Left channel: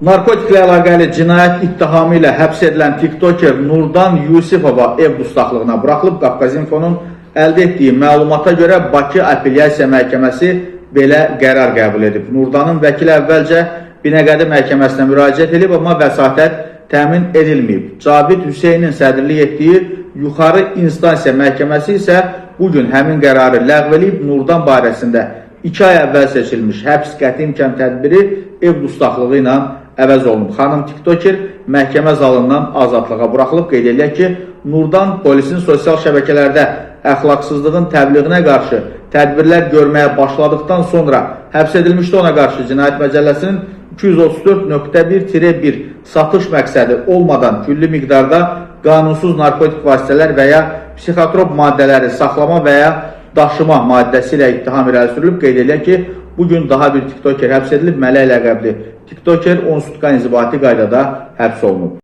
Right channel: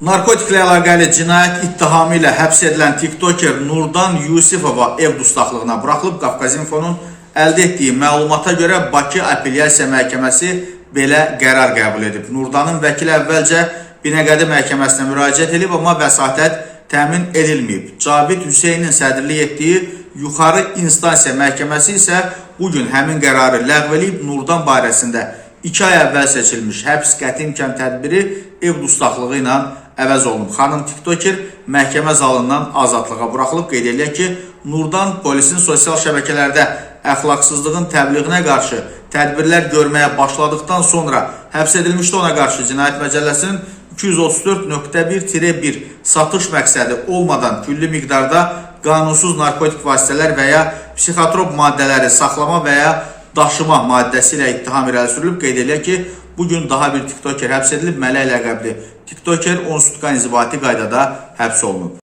Narkotiklə əlaqəli cinayət ittihamı ilə həbs edilən tiktoker Nurdan Yusifova ev dustaqlığına buraxılıb. Qafqazinfonun əldə etdiyi məlumata görə Bakı Apellyasiya Məhkəməsi belə qərar qəbul edib. Nurdanın vəkili əvvəlcə Binəqədi məhkəməsinə müraciət edib, amma vəsatət təmin edilməyib. Cavid Hüseynin sədrlik etdiyi Yuxarı İnstansiya Məhkəməsi isə bugün həmin qərarı ləğv edib. Nurdan barəsində 2 ay əvvəl seçilmiş həbs qəti imkan tədbiri ev dustaqlığı ilə əvəz olunub. Xanım tiktoker məhkəmə zalından azadlığa buraxılıb. Qeyd edilək ki, Nurdan polisin sosial şəbəkələrdə əxlaqsızlığın təbliğinə qarşı tədbirlər görməyə başladıqdan sonra həbs edilmişdi. Ona qarşı Cinayət Məcəlləsinin 234.1-1 satış məqsədi olmadan külli miqdarda qanunsuz narkotik vasitələr və ya psixotrop maddələri saxlama və ya daşıma maddəsi ilə ittiham irəli sürülüb. Qeyd edilək ki, bugün daha bir tiktoker həbs edilib. Mələk ləqəbli tiktoker 10 sutkan inzibati qaydada həbs olunub.